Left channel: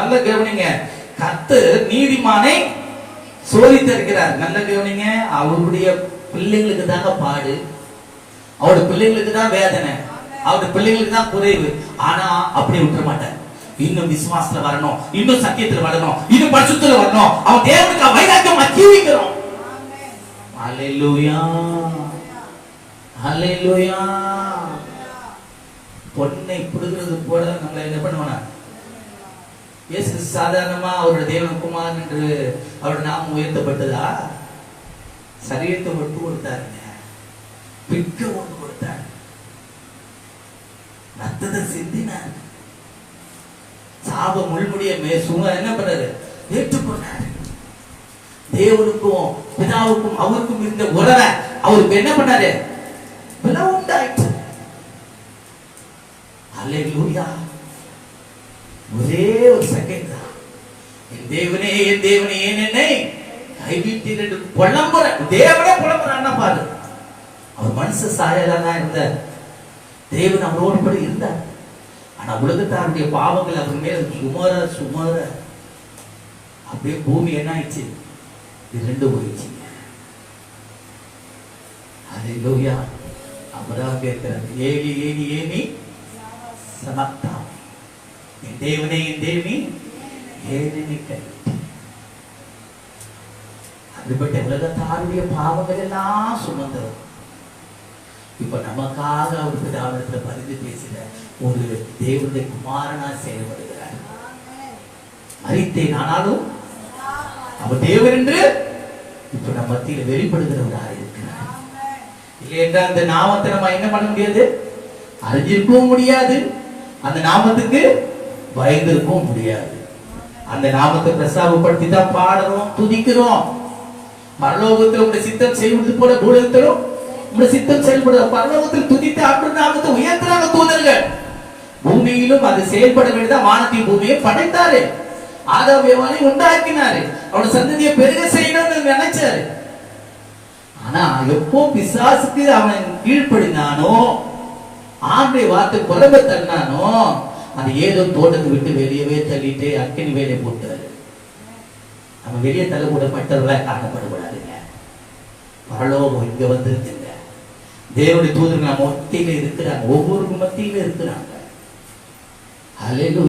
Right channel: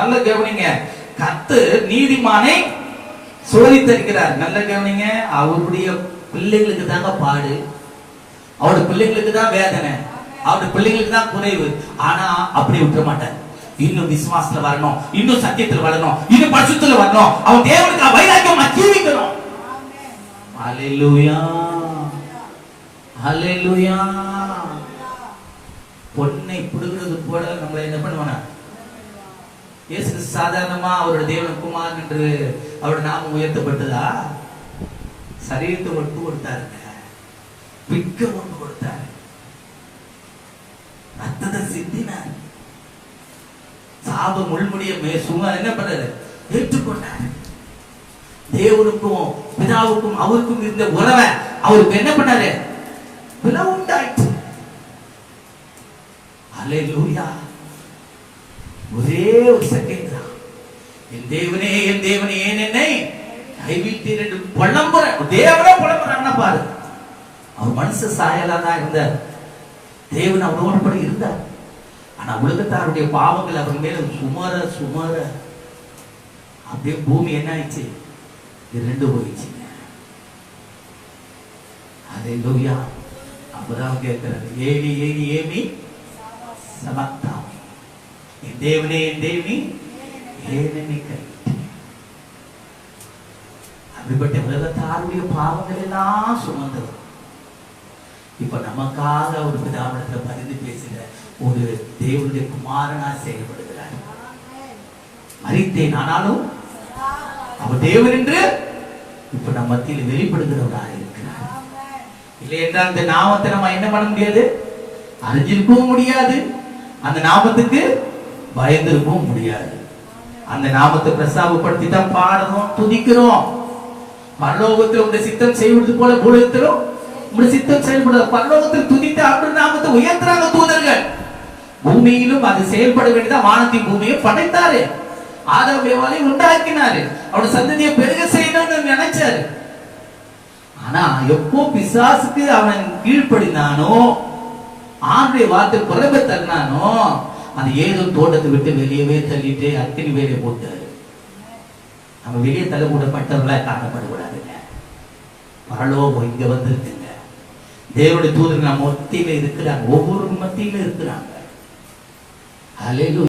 நல்ல கவனிங்க. கத்து நீதிமானை சோதித்திருக்கிறார் நல்ல கவனிங்க அவருடைய பிள்ளைங்களுக்கு தாங்க பாடு. அவருடைய பிள்ளைங்களுக்கு தான் வேதனை. அவருடைய பிள்ளைங்களுக்கு தான் குறைவு. ஆனா அப்படி விட்டுற மாட்டார். இன்னும் விசுவாசத்துல வரணும். இன்னும் சத்தியத்துல வரணும். இன்னும் பரிசுத்துல வரணும். அவன் தேவனுக்கு வைராக்கியம் அச்சீவிக்கிறோம் வைக்கணும் ஹalleluya. ஹalleluya பொன்னை போல நம்மளை என்ன பண்ணுவானா? இயேசு சாதாரணமா அவரோட தேவன் குமார் என்று அவருடைய நாமம் உயர்த்தப்பட்டதா? சரீரத்தை மட்டும் கொடுத்தாருங்க. பிக்க ஒன்று கொடுத்தாரு. ரத்தத்தை சிந்தினார். சாப முள்முடிய சும்மா என்ன பண்ணாரு? ஏற்றுக்கொண்டாரு. தேவனுக்கும் பிதாவுக்கும் அவருக்கும் இருந்த உறவை அவருக்கு என்ன பண்ணாரு? விலை உண்டாயிற்று அல்லேலூயா ஒரே ஒரு செகண்ட் தான். என் தேவனே என் தேவனே ஏன் என்னை? கைவிட்டீர் என்று புலம்புற தேவனே புலம்புறாங்கன்னா பாரு. அவர் மனசு சாயலா தான் இருந்தார். தேவன் அவரோடு கூட இருந்தார். ஆனா உலகத்தாருடைய பாவங்கள் அவர் மேல சுமர சுமர அப்படியே பூமி என்ன ஆயிடுச்சு? இது ரெண்டு போயிடுச்சு. அதை லோயா அவராக இருக்கிறார் ஏனி ஏனி ஏமி சமத்தா. தேவனே என் தேவி ஏனெனி அப்படிப்பட்ட உலகத்தாருடைய பாவங்கள் எல்லாம் சுமந்தவர் இப்ப நமக்காக அவர் பிதாவிடத்துல பதிந்து பேசுகிற ஒரு தேவனுடைய குமாரனா செயல்படுகிறார். அறித்தேன் ஆனாலும் அவர் தேவன் என்று இப்ப நம்ம மத்தியில் வெளிப்படுகிறவராக இருக்கிறார். இல்லை என்றால் அந்த நாமத்தை நம்ம என்ன பண்ண முடியாது? அறிஞ்சிருக்கவும் முடியாது. அந்த நாமத்துக்கு பயந்திருக்கவும் முடியாது. அந்த நாமத்தை பிரஸ்தாபப்படுத்தி தான் பாடுறோம் துதிக்கிறோம். பரலோகத்தில் உங்க சித்தம் செய்வது போல பூலகத்திலும் உங்க சித்தம் செயல்படுற பரலோகத்தில் துதித்த அப்படி நாமத்தை உயர்த்துறாங்க தூதர்கள். பூமியிலும் அது செயல்பட வேண்டியதா வானத்தின் பூமியை படைத்தாரு. ஆதாவேவாலை உண்டாக்கினாரு. அவனோட சந்ததியை பெருக செய்யணும்னு நினைச்சாரு. ஆனா எப்போ பிசாசுக்கு அவன் கீழ்ப்படினானோ ஆண்டை வார்த்தை குழம்பை தன்னானோ அது ஏதோ தோட்டத்தை விட்டு வெளியவே தள்ளிட்டு அக்கினி வேலை போட்டாரு. நம்ம வெளியே தள்ளக்கூடப்பட்டவர்களா காணப்படக்கூடாதுங்க. பரலோகம் இங்க வந்திருக்குங்க. தேவனுடைய தூதர் நம்ம மத்தியில இருக்கிறாங்க. ஒவ்வொரு மத்தியில இருக்கிறாங்க. அலையிலும்